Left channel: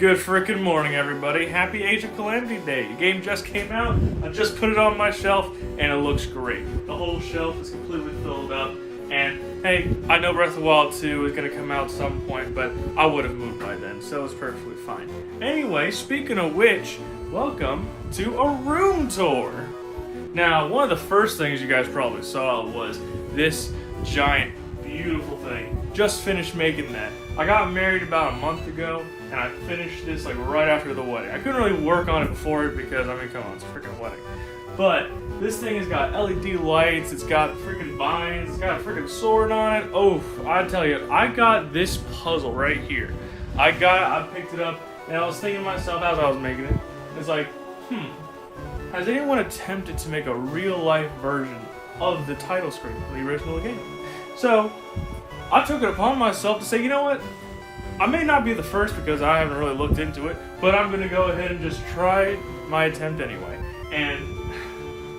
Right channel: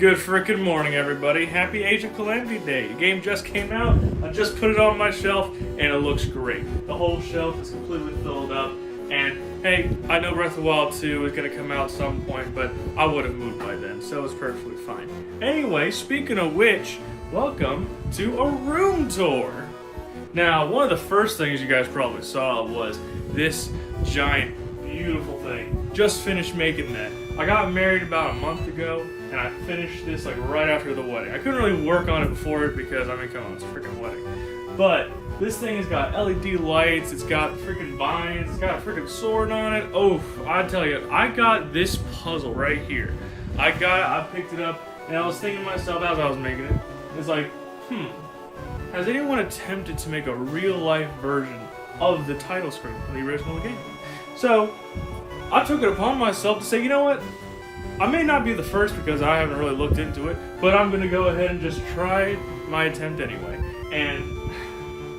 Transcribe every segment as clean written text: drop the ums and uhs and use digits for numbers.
Good frickin' morning, everybody. Happy Age of Calamity Day. The game just came out. I just put it on my shelf, and it looks great. The whole shelf is completely filled up. And, hey, I know Breath of the Wild 2 is going to come out at some point, but I would have moved by then, so it's perfectly fine. Anyway, speaking of which, welcome to a room tour. Now, one of the first things you guys probably saw was this giant, beautiful thing. Just finished making that. I got married about a month ago, and I finished this like right after the wedding. I couldn't really work on it before it because, I mean, come on, it's a freaking wedding. But this thing has got LED lights, it's got freaking vines, it's got a freaking sword on it. Oh, I tell you, I got this puzzle right here. I picked it up, and I was thinking to myself as I was making it, it's like, has anyone attempted to make a real-life version of the title screen from the original game? So, I took it upon myself to say, you know what? I may not be the first because I haven't really looked into it, but I'm going to go ahead and just try my attempt anyway. And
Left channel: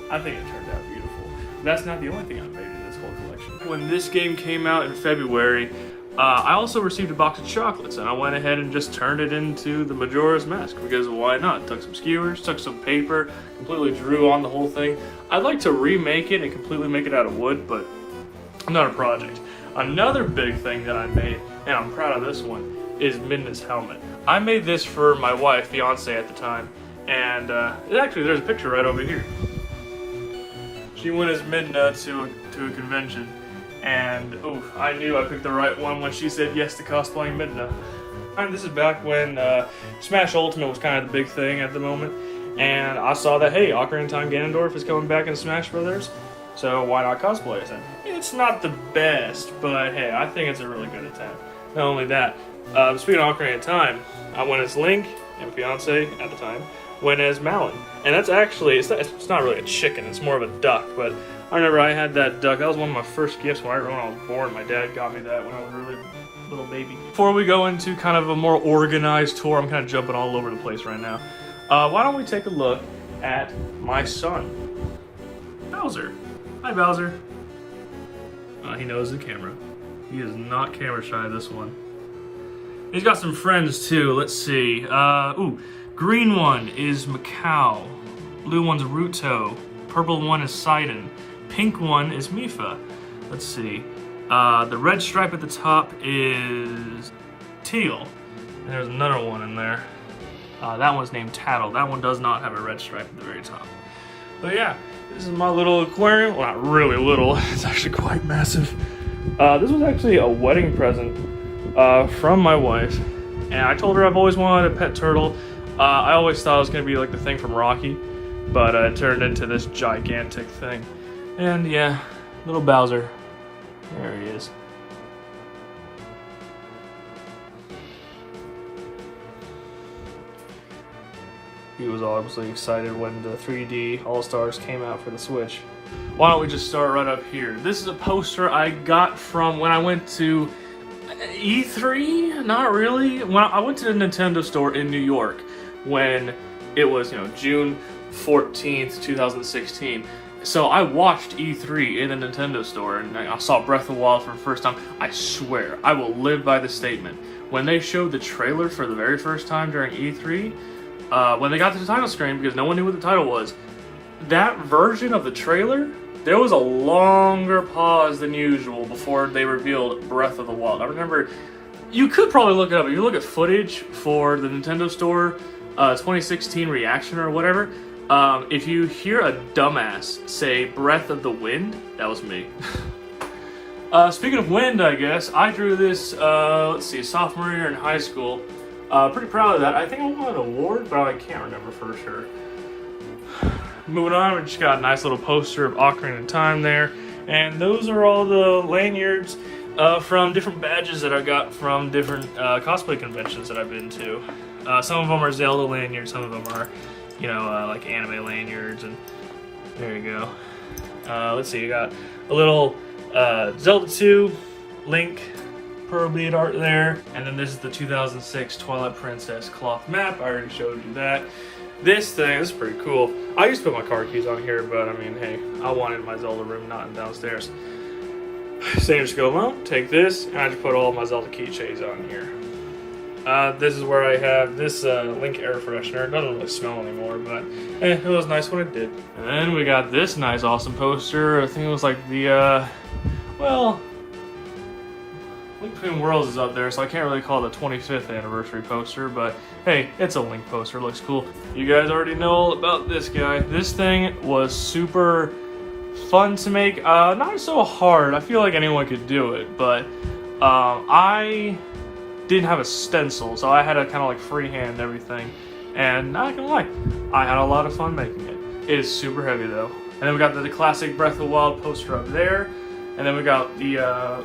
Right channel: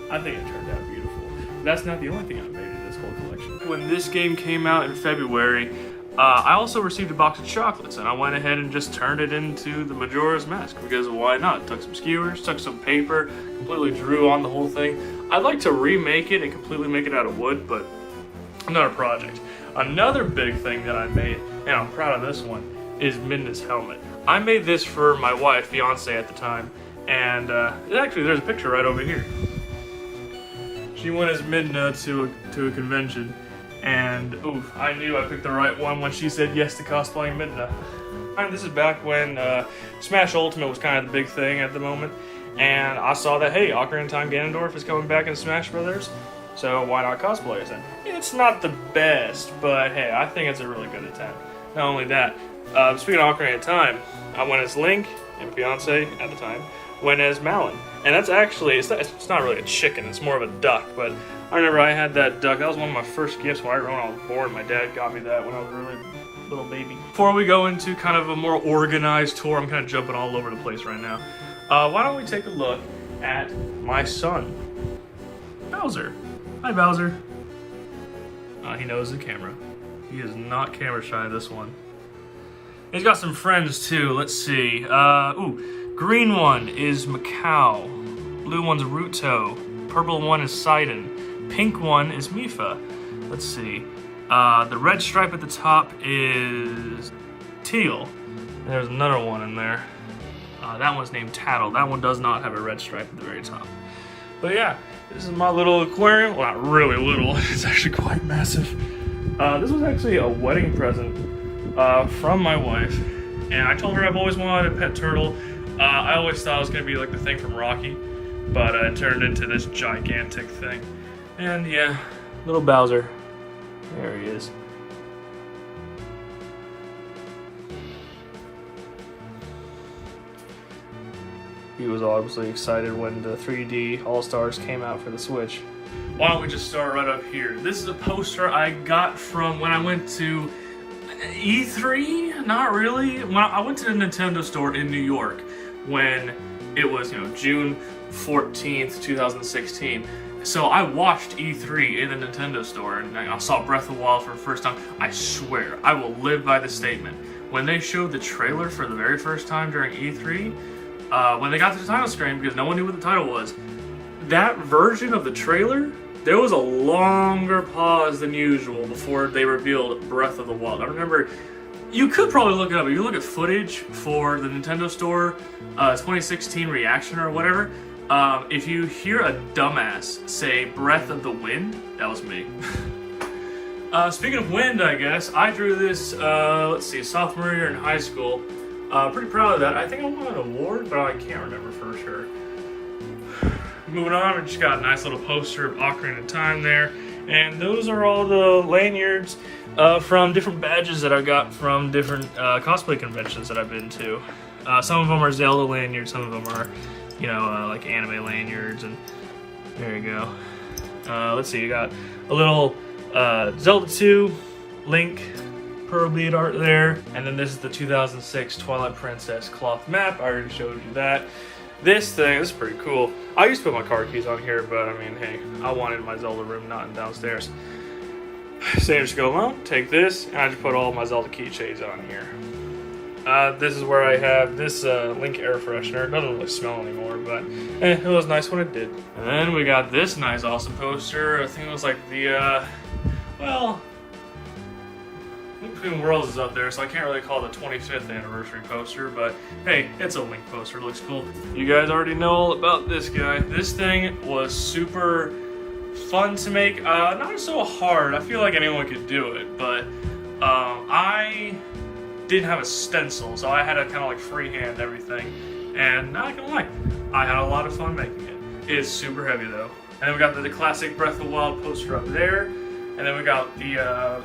I think it turned out beautiful. That's not the only thing I've made in this whole collection. When this game came out in February, I also received a box of chocolates, and I went ahead and just turned it into the Majora's Mask, because why not? Took some skewers, took some paper, completely drew on the whole thing. I'd like to remake it and completely make it out of wood, but another project. Another big thing that I made, and I'm proud of this one, is Midna's helmet. I made this for my wife, fiance at the time, and actually there's a picture right over here. She went as Midna to a convention, and I knew I picked the right one when she said yes to cosplaying Midna. And this is back when Smash Ultimate was kind of the big thing at the moment, and I saw that, hey, Ocarina of Time Ganondorf is coming back in Smash Brothers, so why not cosplay as him? It's not the best, but hey, I think it's a really good attempt. Not only that, speaking of Ocarina of Time, I went as Link, and fiance at the time went as Malin. And that's actually, it's not really a chicken, it's more of a duck, but I remember I had that duck. That was one of my first gifts when I was born. My dad got me that when I was a really little baby. Before we go into kind of a more organized tour, I'm kind of jumping all over the place right now. Why don't we take a look at my son, Bowser. Hi, Bowser. He knows the camera. He is not camera shy, this one. He's got some friends too. Let's see. Green one is Macau. Blue one's Ruto. Purple one is Sidon. Pink one is Mifa. Let's see. The red stripe at the top is Teal. And there's another one in there. That one's named Tattle. That one does not have a red stripe at the very top. But yeah, this is my little aquarium. Well, not really little. It's actually quite massive. This was actually a wedding present from my wife. And I told her I've always wanted a pet turtle. I always thought it was going to be like the thing from Rocky, but it turned into this gigantic thing. And yeah, little Bowser. There he is. He was obviously excited when the 3D All-Stars came out for the Switch. Why don't we just start right up here? This is a poster I got from when I went to E3? Not really. When I went to the Nintendo store in New York when it was, June 14th, 2016. So I watched E3 in the Nintendo store, and I saw Breath of the Wild for the first time. I swear, I will live by this statement. When they showed the trailer for the very first time during E3, when they got to the title screen, because no one knew what the title was, that version of the trailer, there was a longer pause than usual before they revealed Breath of the Wild. I remember, you could probably look it up. If you look at footage for the Nintendo Store 2016 reaction or whatever, if you hear a dumbass say Breath of the Wind, that was me. Speaking of wind, I guess, I drew this, let's see, sophomore year in high school. Pretty proud of that. I think I won an award, but I can't remember for sure. Moving on, we just got a nice little poster of Ocarina of Time there. And those are all the lanyards from different badges that I got from different cosplay conventions that I've been to. Some of them are Zelda lanyards, some of them are, like anime lanyards, and there you go. Let's see, you got a little Zelda 2, Link, Pearl bead art there, and then this is the 2006 Twilight Princess cloth map. I already showed you that. This thing, this is pretty cool. I used to put my car keys on here, but I mean, hey, I wanted my Zelda room, not downstairs. Same just go along, take this, and I just put all my Zelda keychains on here. This is where I have this Link air freshener. It doesn't really smell anymore, but it was nice when it did. And then we got this nice, awesome poster. I think it was like the, well, Link Between Worlds is up there, so I can't really call it the 25th anniversary poster, but hey, it's a Link poster. It looks cool. You guys already know all about this guy. This thing was super fun to make. Not so hard. I feel like anyone could do it, but I didn't have a stencil, so I had to kind of like freehand everything. And not gonna lie, I had a lot of fun making it. It is super heavy though. And then we got the classic Breath of the Wild poster up there. And then we got the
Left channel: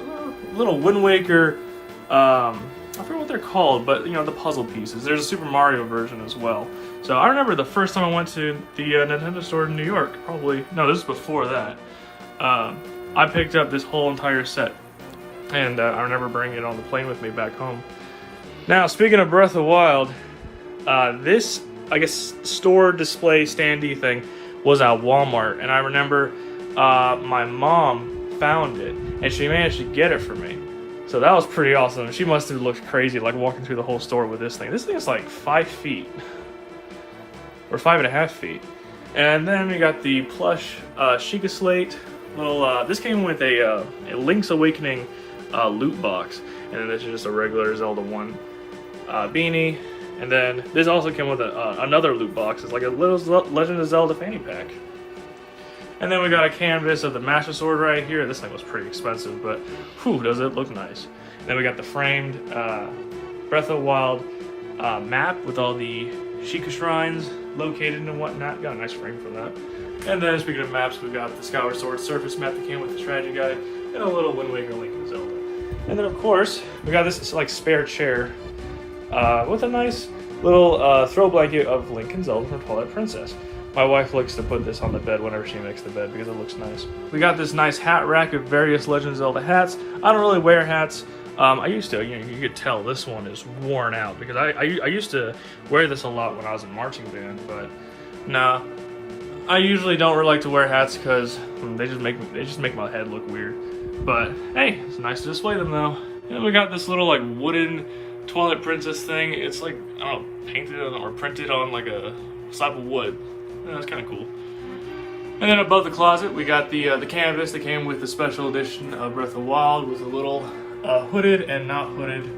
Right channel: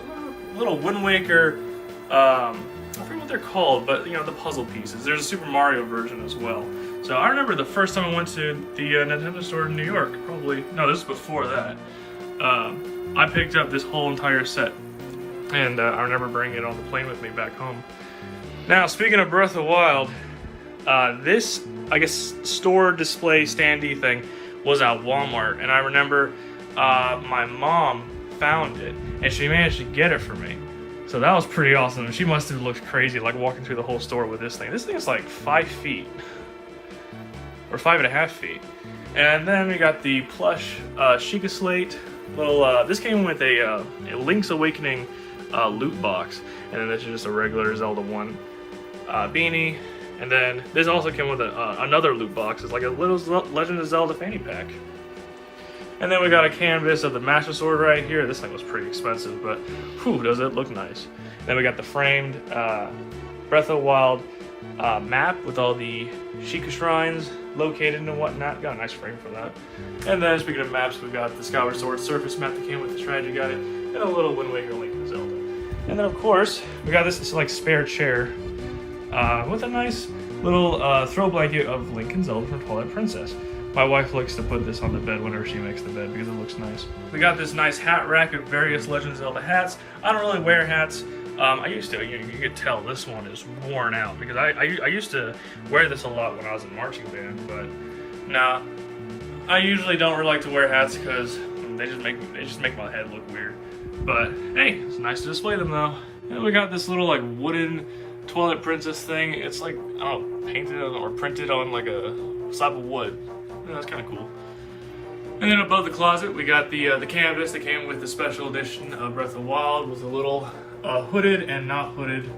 little Wind Waker, I forget what they're called, but you know, the puzzle pieces. There's a Super Mario version as well. So I remember the first time I went to the Nintendo store in New York, probably, no, this is before that. I picked up this whole entire set. And I remember bringing it on the plane with me back home. Now, speaking of Breath of the Wild, this, I guess, store display standee thing was at Walmart. And I remember my mom found it, and she managed to get it for me. So that was pretty awesome. She must have looked crazy, like walking through the whole store with this thing. This thing is like 5 feet, or 5.5 feet. And then we got the plush Sheikah Slate. Little, this came with a Link's Awakening loot box, and then this is just a regular Zelda 1 beanie. And then this also came with another loot box. It's like a little Legend of Zelda fanny pack. And then we got a canvas of the Master Sword right here. This thing was pretty expensive, but whew, does it look nice. And then we got the framed Breath of the Wild map with all the Sheikah shrines located and whatnot. Got a nice frame for that. And then speaking of maps, we got the Skyward Sword surface map that came with the strategy guide, and a little Wind Waker Link to Zelda. And then of course, we got this like spare chair with a nice little throw blanket of Link and Zelda from Twilight Princess. My wife likes to put this on the bed whenever she makes the bed because it looks nice. We got this nice hat rack of various Legend of Zelda hats. I don't really wear hats. I used to. You could tell this one is worn out because I used to wear this a lot when I was in marching band, but nah. I usually don't really like to wear hats because they just make my head look weird. But hey, it's nice to display them though. And we got this little like wooden Twilight Princess thing. It's like, I don't know, painted or printed on like a slab of wood. Yeah, that's kind of cool. And then above the closet, we got the canvas that came with the special edition of Breath of the Wild with a little hooded and not hooded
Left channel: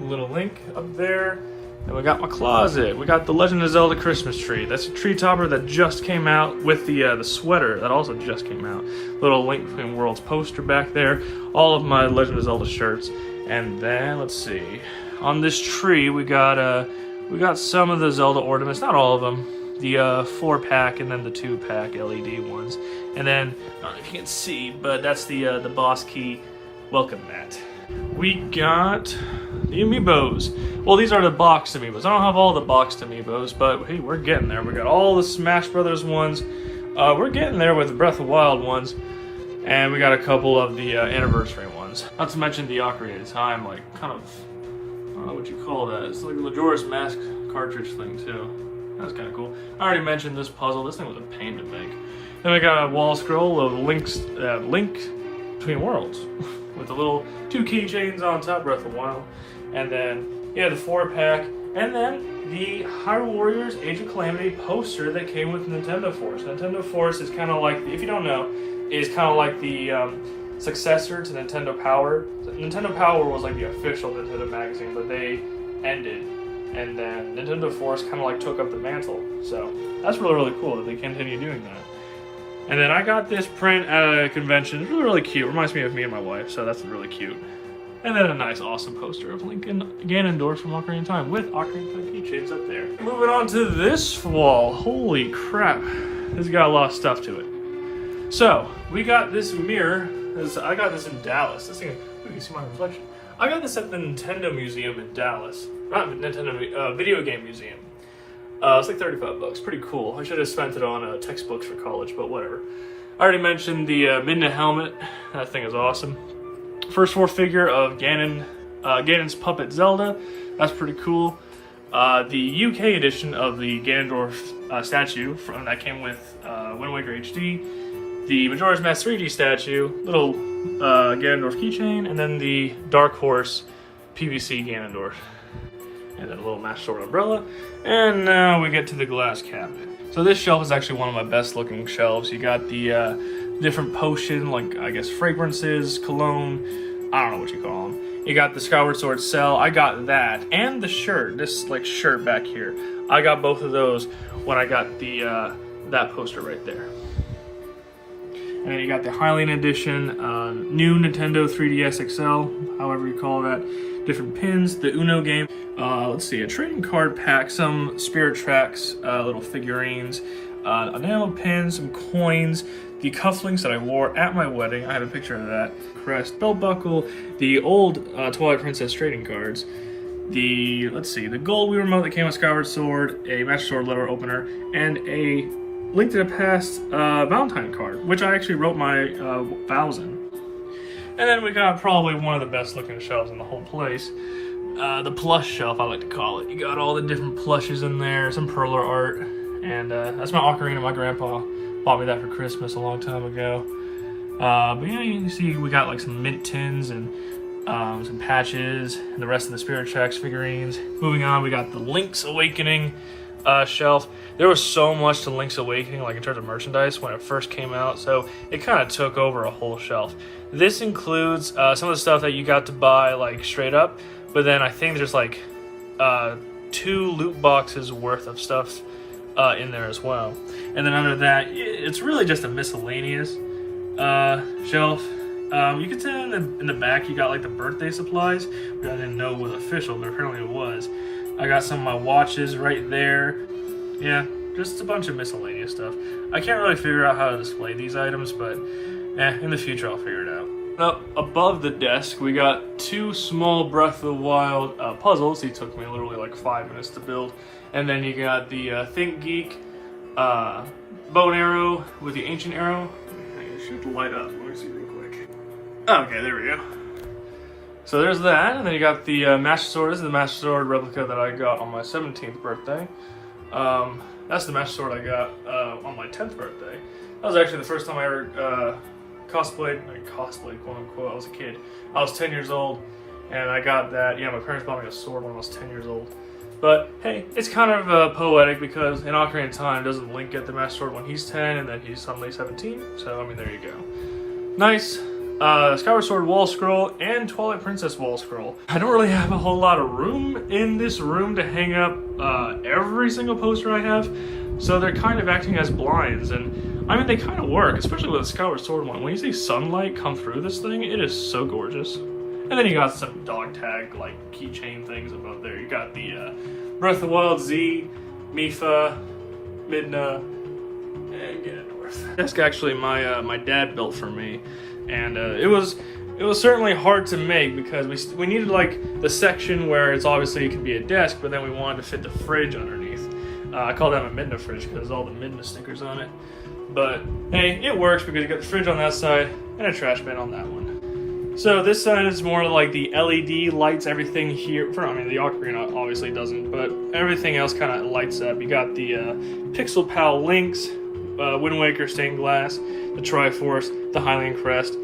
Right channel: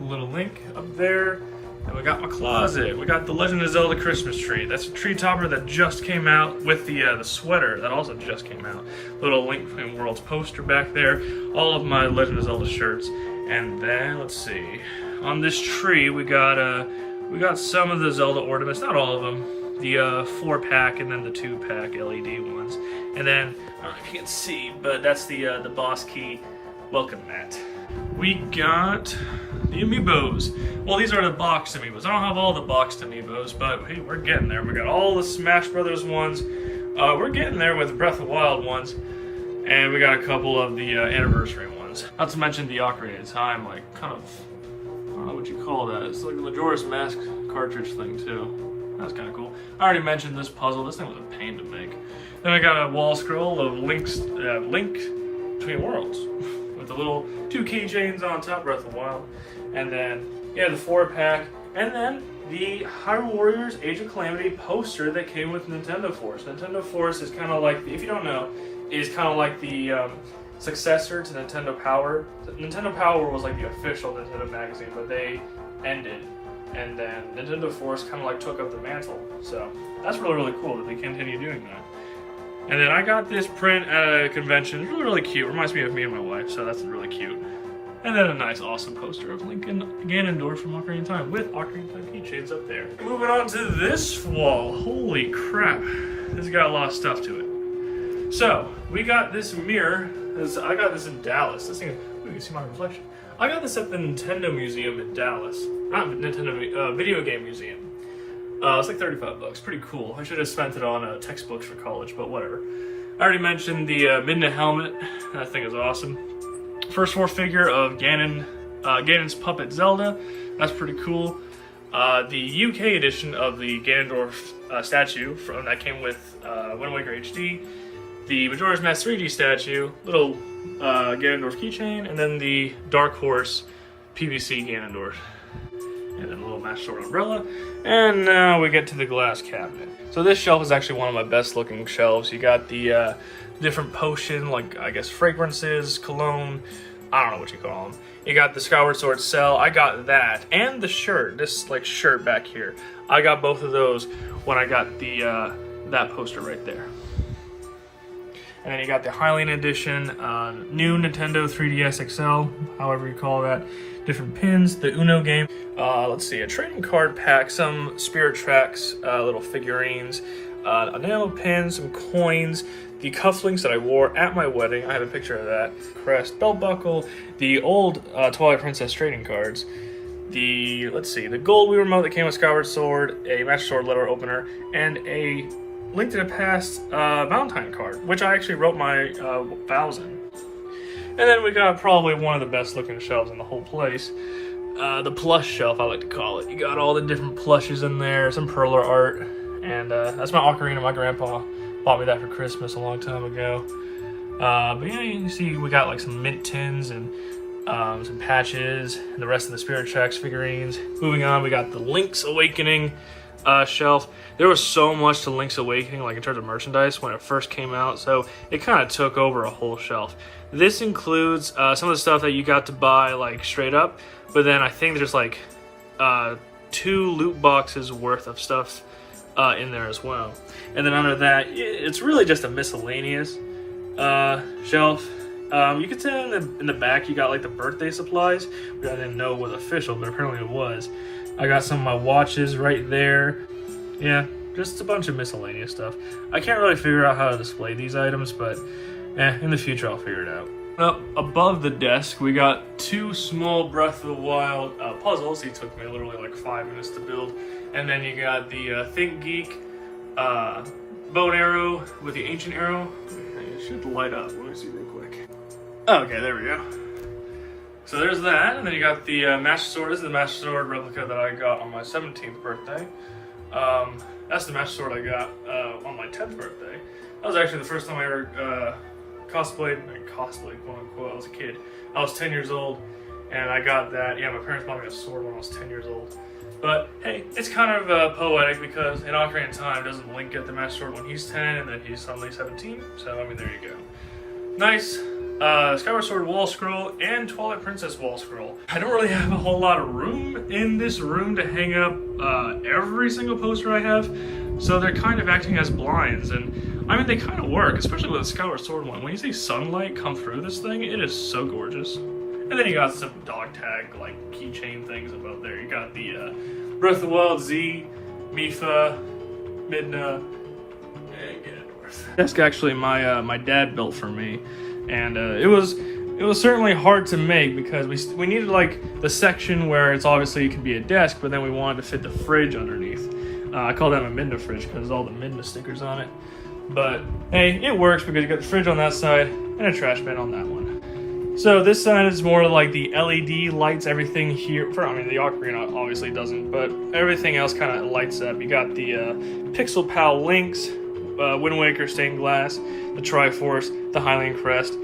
little Link up there. And we got my closet. We got the Legend of Zelda Christmas tree. That's a tree topper that just came out with the sweater that also just came out. Little Link Between Worlds poster back there. All of my Legend of Zelda shirts. And then let's see. On this tree, we got some of the Zelda ornaments, not all of them. The 4-pack and then the 2-pack LED ones. And then, I don't know if you can see, but that's the Boss Key welcome mat. We got the amiibos. Well, these are the boxed amiibos. I don't have all the boxed amiibos, but hey, we're getting there. We got all the Smash Brothers ones. We're getting there with the Breath of the Wild ones. And we got a couple of the anniversary ones. Not to mention the Ocarina of Time, like, kind of, I don't know what you call that. It's like the Majora's Mask cartridge thing, too. That's kind of cool. I already mentioned this puzzle. This thing was a pain to make. Then we got a wall scroll of Link Between Worlds with the little 2 keychains on top, Breath of the Wild. And then, yeah, the 4-pack. And then the Hyrule Warriors Age of Calamity poster that came with Nintendo Force. Nintendo Force is kind of like, if you don't know, is kind of like the successor to Nintendo Power. Nintendo Power was like the official Nintendo magazine, but they ended. And then Nintendo Force kind of like took up the mantle. So that's really, really cool that they continue doing that. And then I got this print at a convention. It's really, really cute. Reminds me of me and my wife, so that's really cute. And then a nice, awesome poster of Link and Ganondorf from Ocarina of Time with Ocarina of Time keychains up there. Moving on to this wall. Holy crap. This has got a lot of stuff to it. So, we got this mirror. I got this in Dallas. This thing, you can see my reflection. I got this at the Nintendo Museum in Dallas. Not Nintendo, Video Game Museum. It's like 35 bucks, pretty cool. I should have spent it on textbooks for college, but whatever. I already mentioned the Midna helmet. That thing is awesome. First 4 figure of Ganon's puppet Zelda. That's pretty cool. The UK edition of the Ganondorf statue that came with Wind Waker HD. The Majora's Mask 3D statue, little Ganondorf keychain, and then the Dark Horse PVC Ganondorf. and then a little Master Sword umbrella. And now we get to the glass cabinet. So this shelf is actually one of my best looking shelves. You got the different potion, like I guess fragrances, cologne, I don't know what you call them. You got the Skyward Sword cell, I got that, and the shirt, this like shirt back here. I got both of those when I got the that poster right there. And then you got the Hylian edition, new Nintendo 3DS XL, however you call that. Different pins, the Uno game. Let's see, a trading card pack, some Spirit Tracks, little figurines, enamel pins, some coins, the cufflinks that I wore at my wedding. I have a picture of that. Crest, belt buckle, the old Twilight Princess trading cards. The, let's see, the gold Wii remote that came with Skyward Sword, a Master Sword letter opener, and a Link to the Past Valentine card, which I actually wrote my vows in. And then we got probably one of the best looking shelves in the whole place. The plush shelf, I like to call it. You got all the different plushes in there, some perler art, and that's my ocarina. My grandpa bought me that for Christmas a long time ago. But yeah, you can see we got like some mint tins and some patches, and the rest of the Spirit Tracks figurines. Moving on, we got the Link's Awakening shelf. There was so much to Link's Awakening, like in terms of merchandise, when it first came out, so it kind of took over a whole shelf. This includes some of the stuff that you got to buy like straight up, but then I think there's like 2 loot boxes worth of stuff in there as well. And then under that, it's really just a miscellaneous shelf. You can see in the back you got like the birthday supplies, which I didn't know was official, but apparently it was. I got some of my watches right there. Yeah, just a bunch of miscellaneous stuff. I can't really figure out how to display these items, but in the future I'll figure it out. Up above the desk, we got 2 small Breath of the Wild puzzles. These took me literally like 5 minutes to build. And then you got the Think Geek bow and arrow with the ancient arrow. It should light up. Let me see real quick. Okay, there we go. So there's that, and then you got the Master Sword. This is the Master Sword replica that I got on my 17th birthday. That's the Master Sword I got on my 10th birthday. That was actually the first time I ever cosplayed, quote unquote. I was a kid. I was 10 years old, and I got that. Yeah, my parents bought me a sword when I was 10 years old. But hey, it's kind of poetic because in Ocarina of Time, doesn't Link get the Master Sword when he's 10, and then he's suddenly 17? So, I mean, there you go. Nice. Skyward Sword wall scroll and Twilight Princess wall scroll. I don't really have a whole lot of room in this room to hang up every single poster I have, so they're kind of acting as blinds, and I mean they kind of work, especially with the Skyward Sword one. When you see sunlight come through this thing, it is so gorgeous. And then you got some dog tag like keychain things above there. You got the Breath of the Wild Z, Mifa, Midna, and Ganondorf. That's actually my dad built for me. And it was certainly hard to make because we needed like the section where it's obviously it could be a desk, but then we wanted to fit the fridge underneath. I call them a Midna fridge because all the Midna stickers on it. But hey, it works because you got the fridge on that side and a trash bin on that one. So this side is more like the LED lights everything here. I mean the ocarina obviously doesn't, but everything else kind of lights up. You got the Pixel Pal Links, Wind Waker stained glass, the Triforce, the Hylian Crest.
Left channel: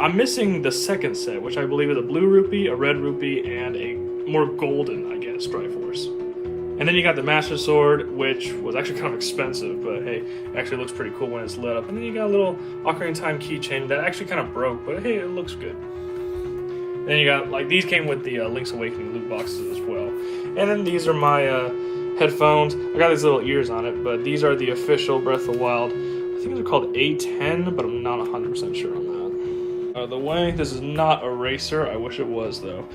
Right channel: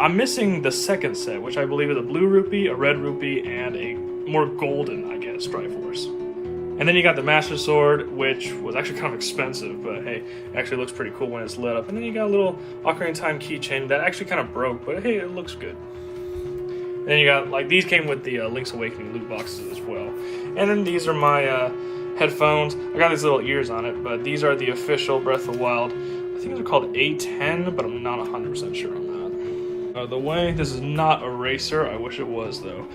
I'm missing the second set, which I believe is a blue rupee, a red rupee, and a more golden, I guess, Triforce. And then you got the Master Sword, which was actually kind of expensive, but hey, it actually looks pretty cool when it's lit up. And then you got a little Ocarina of Time keychain that actually kind of broke, but hey, it looks good. And then you got, like, these came with the Link's Awakening loot boxes as well. And then these are my headphones. I got these little ears on it, but these are the official Breath of the Wild. I think they're called A10, but I'm not 100% sure on that. The way, this is not a racer. I wish it was though.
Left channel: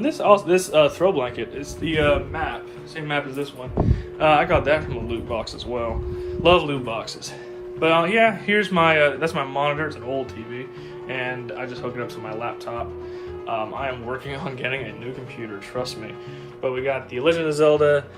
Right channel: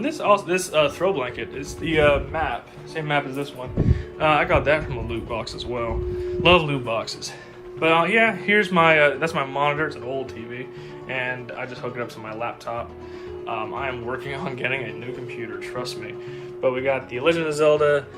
This throw blanket is the map, same map as this one. I got that from a loot box as well. Love loot boxes. But yeah, here's my that's my monitor. It's an old TV, and I just hook it up to my laptop. I am working on getting a new computer, trust me. But we got the Legend of Zelda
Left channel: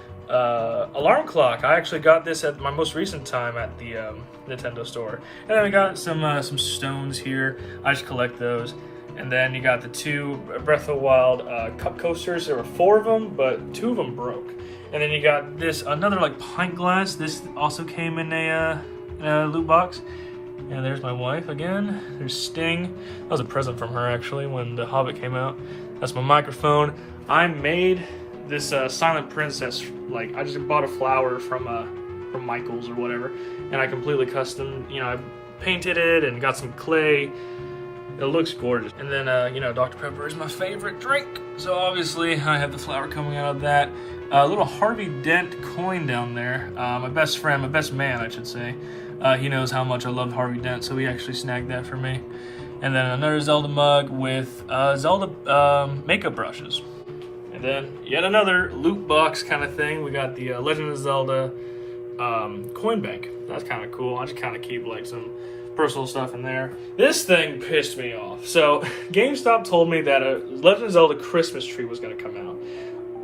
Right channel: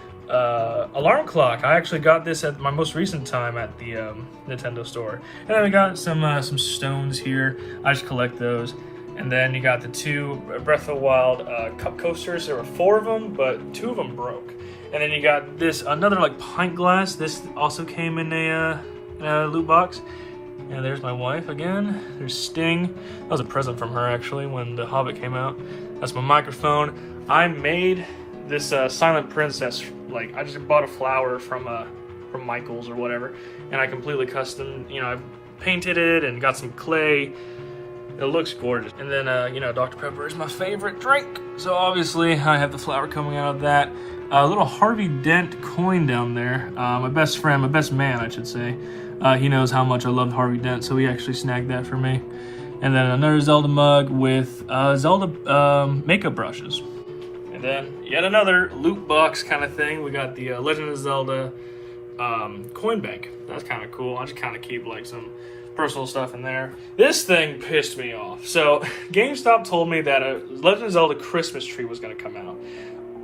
alarm clock. I actually got this at my most recent time at the Nintendo store. And then we got some stones here. I just collect those. And then you got the 2 Breath of the Wild cup coasters. There were 4 of them, but 2 of them broke. And then you got this another like pint glass. This also came in a loot box. And there's my wife again. There's Sting. That was a present from her actually when The Hobbit came out. That's my microphone. I made this Silent Princess. Like, I just bought a flower from Michael's or whatever, and I completely custom, I painted it and got some clay. It looks gorgeous. And then, Dr. Pepper is my favorite drink. So obviously I have the flower coming out of that. A little Harvey Dent coin down there. My best friend, my best man, I should say. He knows how much I love Harvey Dent, so he actually snagged that for me. And then another Zelda mug with Zelda makeup brushes. And then yet another loot box kind of thing. We got the Legend of Zelda coin bank. That's kind of cool. I just kind of keep like some personal stuff in there. This thing pissed me off. So GameStop told me that a Legend of Zelda Christmas tree was going to come out.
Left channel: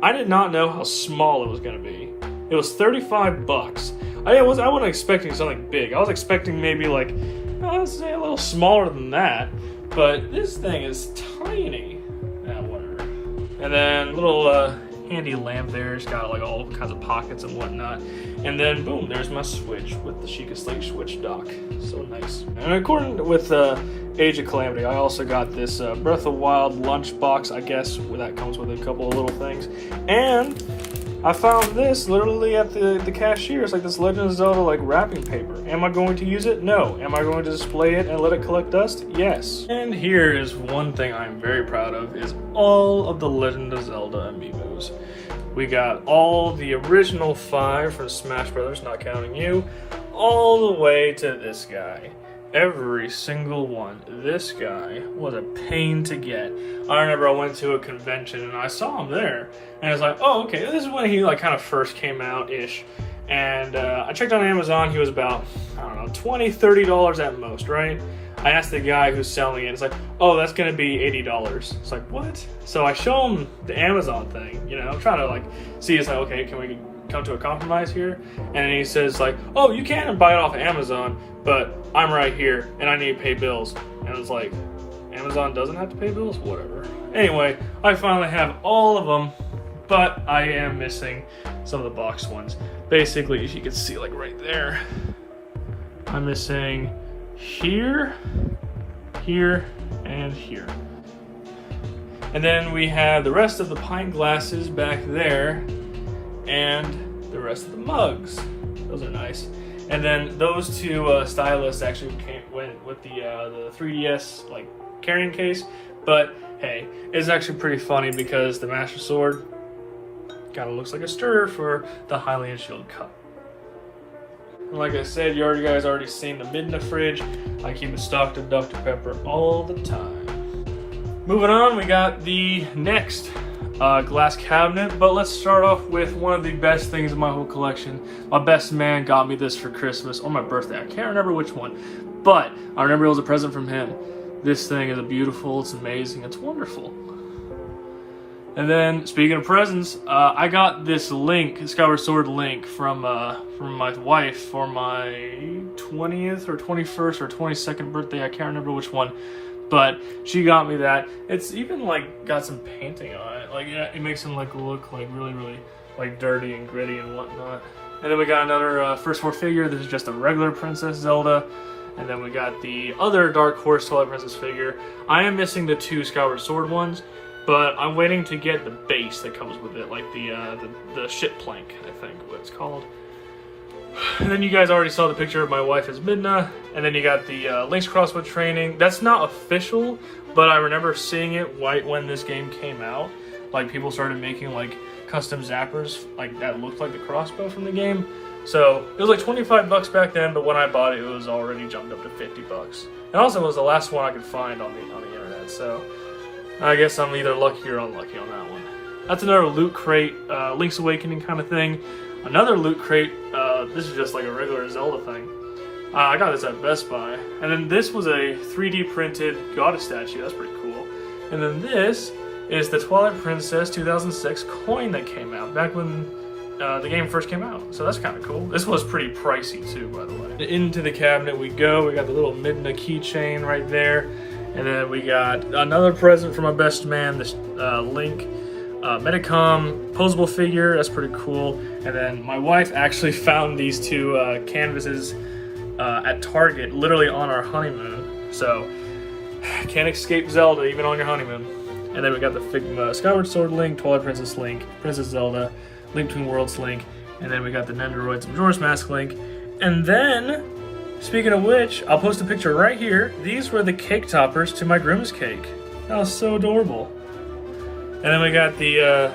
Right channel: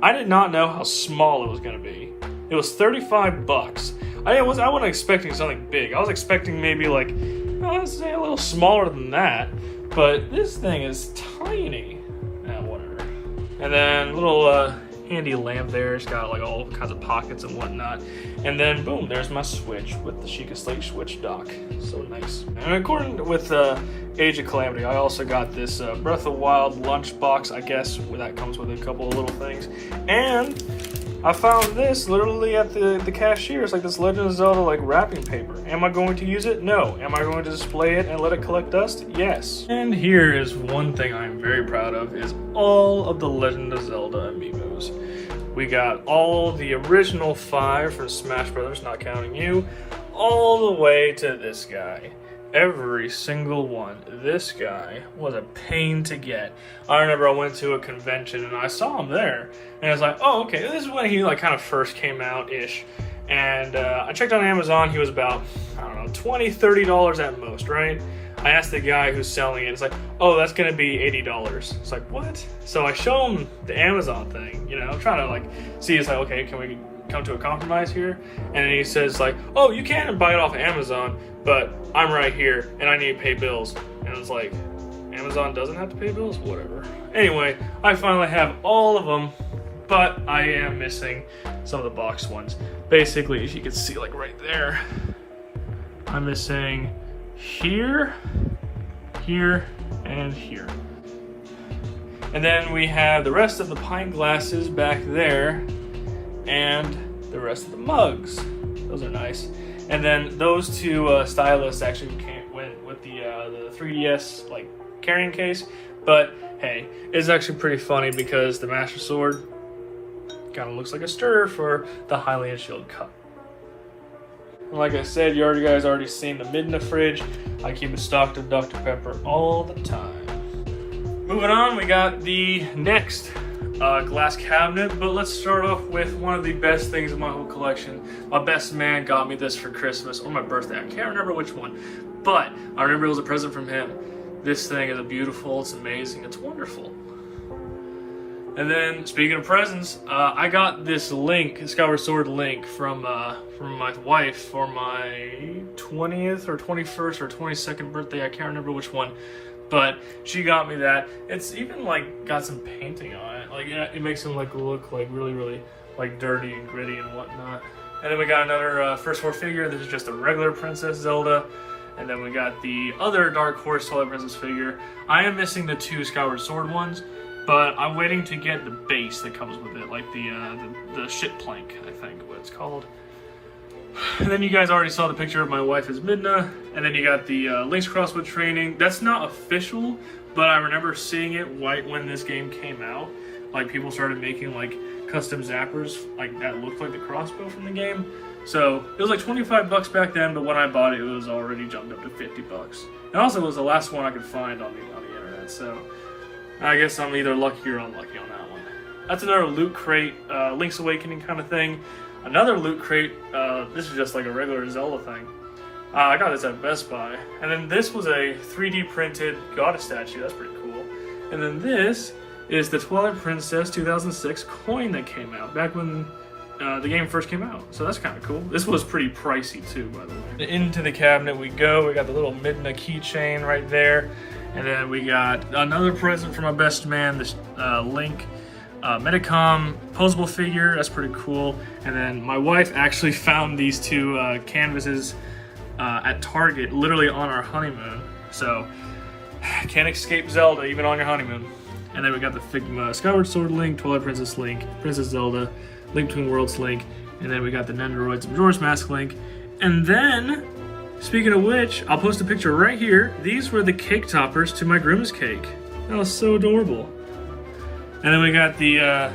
I did not know how small it was going to be. It was 35 bucks. I wasn't expecting something big. I was expecting maybe like, I'd say a little smaller than that. But this thing is tiny. Whatever. And then a little handy lamp there. It's got like all kinds of pockets and whatnot. And then boom, there's my Switch with the Sheikah Slate Switch dock. So nice. And according with Age of Calamity, I also got this Breath of the Wild lunchbox, I guess, that comes with a couple of little things. And I found this literally at the cashier. It's like this Legend of Zelda like wrapping paper. Am I going to use it? No. Am I going to display it and let it collect dust? Yes. And here is one thing I'm very proud of, is all of the Legend of Zelda amiibos. We got all the original 5 from Smash Brothers, not counting you, all the way to this guy. Every single one. This guy was a pain to get. I remember I went to a convention and I saw him there. And I was like, oh, okay, this is when he like kind of first came out-ish. And I checked on Amazon, he was about, I don't know, $20, $30 at most, right? I asked the guy who's selling it, it's like, oh, that's gonna be $80. It's like, what? So I show him the Amazon thing, I'm trying to like see, it's like, okay, can we come to a compromise here? And then he says like, oh, you can buy it off of Amazon, but I'm right here and I need to pay bills. And I was like, Amazon doesn't have to pay bills? Whatever. Anyway, I finally have all of them, but I am missing some of the boxed ones. Basically, as you can see, like right there, I'm missing here, here, and here. And then we have the rest of the pint glasses back there, and the rest of the mugs. Those are nice. And then those two stylists actually went with the 3DS like carrying case. But hey, it's actually pretty funny because the Master Sword kind of looks like a stirrer for the Hylian Shield Cup. And like I said, you guys already seen the Midna fridge. I keep it stocked with Dr. Pepper all the time. Moving on, we got the next glass cabinet, but let's start off with one of the best things in my whole collection. My best man got me this for Christmas or my birthday. I can't remember which one, but I remember it was a present from him. This thing is beautiful, it's amazing, it's wonderful. And then, speaking of presents, I got this Link, Skyward Sword Link, from my wife for my 20th or 21st or 22nd birthday. I can't remember which one, but she got me that. It's even like got some painting on it. Like it makes him look like really like dirty and gritty and whatnot. And then we got another First 4 figure. This is just a regular Princess Zelda. And then we got the other Dark Horse Twilight Princess figure. I am missing the 2 Skyward Sword ones, but I'm waiting to get the base that comes with it, like the ship plank, I think what it's called. And then you guys already saw the picture of my wife as Midna. And then you got the Link's Crossbow Training. That's not official, but I remember seeing it right when this game came out. Like people started making like custom zappers like that looked like the crossbow from the game. So it was like 25 bucks back then, but when I bought it, it was already jumped up to 50 bucks. And also it was the last one I could find on the internet, so I guess I'm either lucky or unlucky on that one. That's another loot crate, Link's Awakening kind of thing. Another loot crate, this is just like a regular Zelda thing. I got this at Best Buy. And then this was a 3D printed goddess statue, that's pretty cool. And then this is the Twilight Princess 2006 coin that came out back when the game first came out. So that's kind of cool. This was pretty pricey too, by the way. Into the cabinet we go. We got the little Midna keychain right there. And then we got another present from my best man, this Link Medicom posable figure. That's pretty cool. And then my wife actually found these 2 canvases at Target, literally on our honeymoon. So can't escape Zelda even on your honeymoon. And then we got the Figma Skyward Sword Link, Twilight Princess Link, Princess Zelda, Link Between Worlds Link, and then we got the Nendoroids Majora's Mask Link. And then, speaking of which, I'll post a picture right here. These were the cake toppers to my Grimm's cake. That was so adorable. And then we got the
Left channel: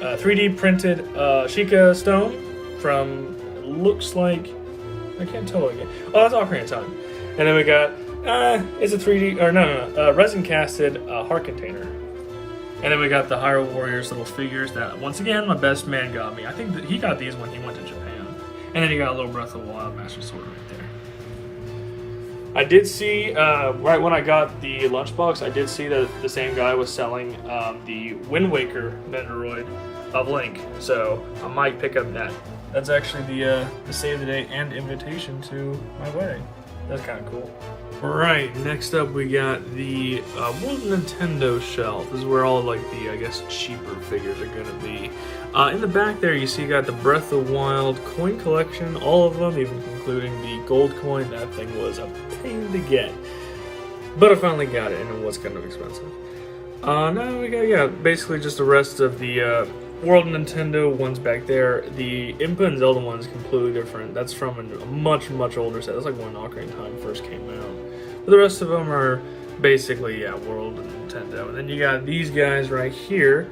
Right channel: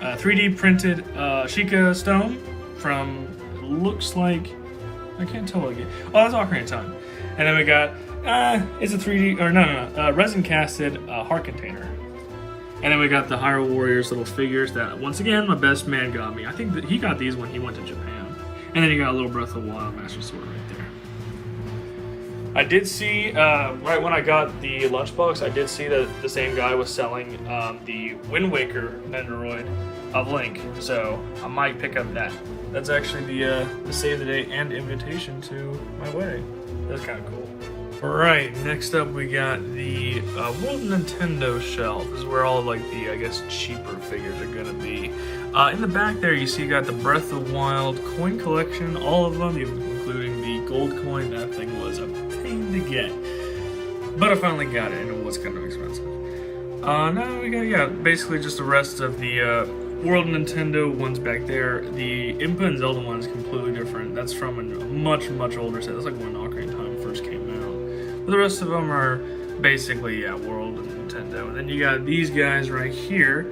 3D printed Sheikah stone from, looks like, I can't tell again. Oh, that's Ocarina of Time. And then we got, it's a 3D, or no, resin casted heart container. And then we got the Hyrule Warriors little figures that, once again, my best man got me. I think that he got these when he went to Japan. And then you got a little Breath of the Wild Master Sword right there. I did see, right when I got the lunchbox, I did see that the same guy was selling the Wind Waker Nendoroid of Link. So I might pick up that. That's actually the save the date and invitation to my wedding. That's kind of cool. Alright, next up we got the World Nintendo shelf. This is where all like the, I guess, cheaper figures are gonna be. In the back there you see you got the Breath of the Wild coin collection, all of them, even including the gold coin. That thing was a pain to get. But I finally got it, and it was kind of expensive. Now we got, yeah, basically just the rest of the World Nintendo ones back there. The Impa and Zelda one's completely different. That's from a much, much older set. That's like when Ocarina of Time first came out. But the rest of them are basically, yeah, World Nintendo. And then you got these guys right here,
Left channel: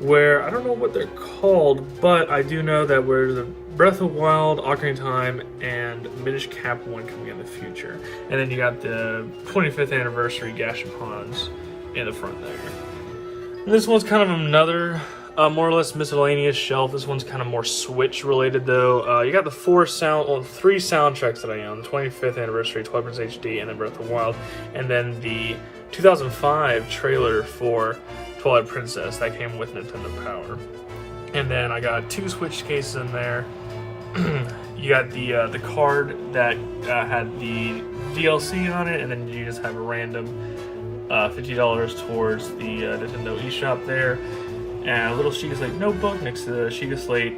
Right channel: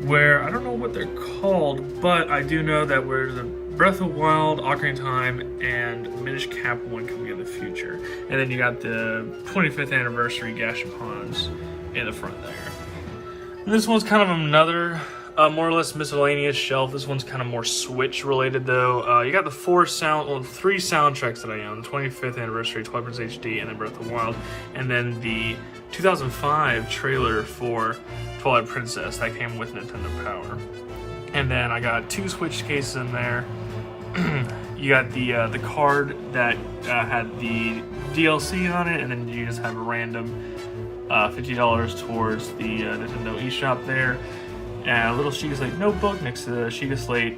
where I don't know what they're called, but I do know that where the Breath of Wild, Ocarina of Time, and Minish Cap one coming in the future. And then you got the 25th anniversary Gashapons in the front there. And this one's kind of another more or less miscellaneous shelf. This one's kind of more Switch related though. You got the three soundtracks that I own: the 25th anniversary, Twilight Princess HD, and then Breath of the Wild, and then the 2005 trailer for Twilight Princess that came with Nintendo Power. And then I got two Switch cases in there. You got the card that had the DLC on it, and then you just have a random $50 towards the Nintendo eShop there. And a little Sheikah Slate notebook next to the Sheikah Slate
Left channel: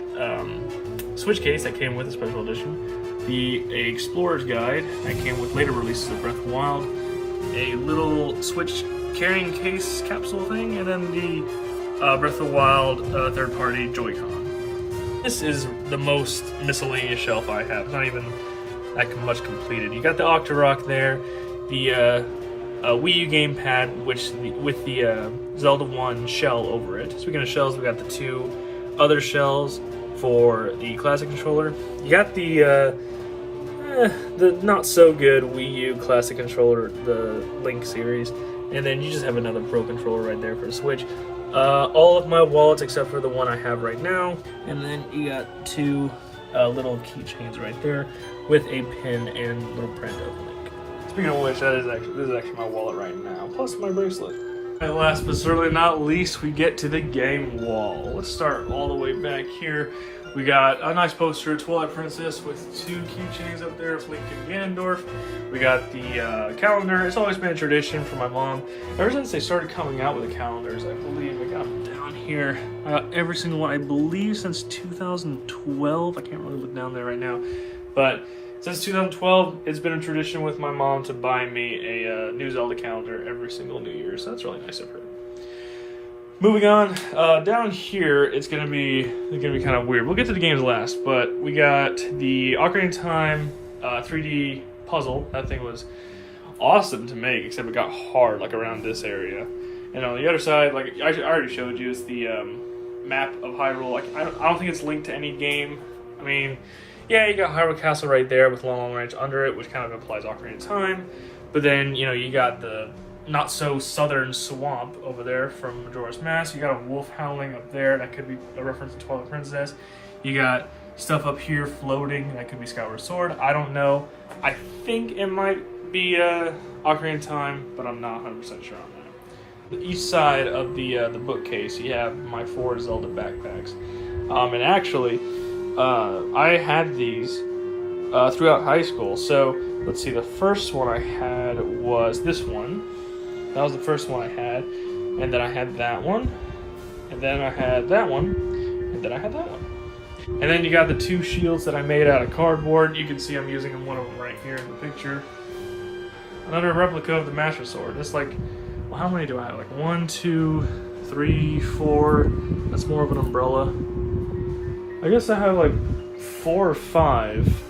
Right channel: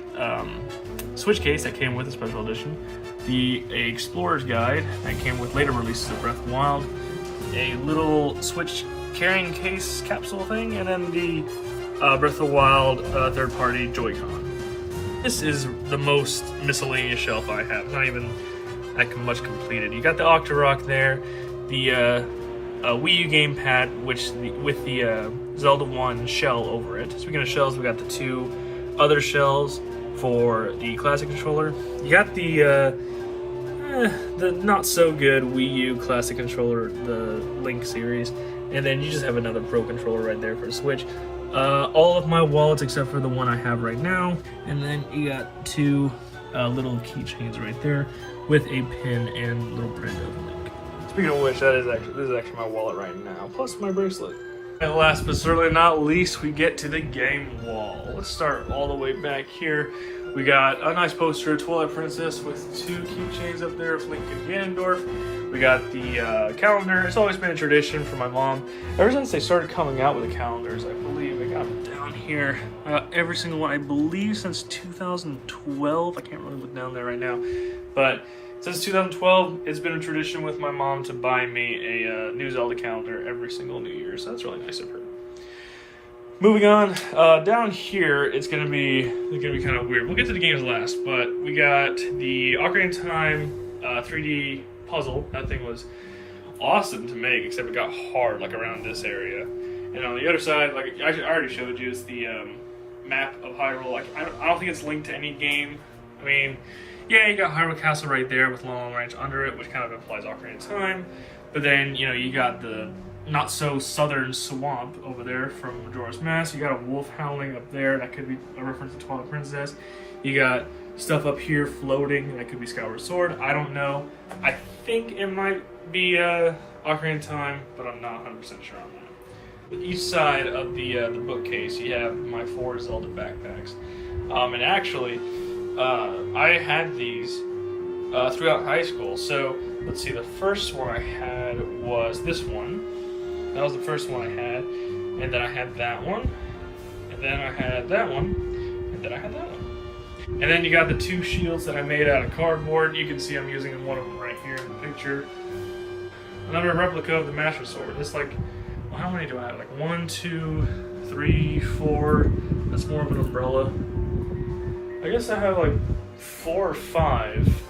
Switch case that came with a special edition. The Explorer's Guide that came with later releases of Breath of the Wild. A little Switch carrying case capsule thing, and then the Breath of the Wild third-party Joy-Con. This is the most miscellaneous shelf I have. It's not even that much completed. You got the Octorok there, the Wii U gamepad, with the Zelda 1 shell over it. Speaking of shells, we got the two other shells for the classic controller. You got the not so good Wii U classic controller, the Link series, and then you just have another Pro controller right there for the Switch. All of my wallets except for the one I have right now, and then you got two little keychains right there with a pin and little print of Link. Speaking of which, this is actually my wallet right now, plus my bracelet. And last but certainly not least, we get to the game wall. Let's start all the way back here. We got a nice poster of Twilight Princess with two keychains up there of Link and Ganondorf. We got the calendar. It's always been a tradition for my mom. Ever since they started coming out with the calendars, I believe, I got them down here. Every single one, I believe, since 2012. I can't really look down there right now. But since 2012, it's been a tradition with my mom to buy me a new Zelda calendar every single New Year, so that's really nice of her. Moving on, down here, it's gonna be kind of weird. We'll get to the games last, but we got the Ocarina of Time 3D puzzle. That thing was awesome to make, except it got hard, like around this area. And on the other side, like I already showed you, is the map of Hyrule. Like I don't think it's linked to any game. I mean, yeah, you got Hyrule Castle right there with Long Ranch under it, which kind of implies Ocarina of Time. But then, you know, you got the not so southern swamp over there from Majora's Mask. You got a wolf howling up there. That could be a reference to Twilight Princess. You got stuff up here floating. That could be Skyward Sword. I don't know. I think it might be Ocarina of Time, but I'm not 100% sure on that. Each side of the bookcase, you have my 4 Zelda backpacks. And actually, I had these throughout high school. So let's see, the first one I had was this one. That was the first one I had. And then I had that one. And then I had that one. And then I had that one. And then you got the 2 shields that I made out of cardboard. You can see I'm using one of them right here in the picture. Another replica of the Master Sword. It's like how many do I have? Like 1, 2, 3, 4. That's more of an umbrella. I guess I have like 4 or 5.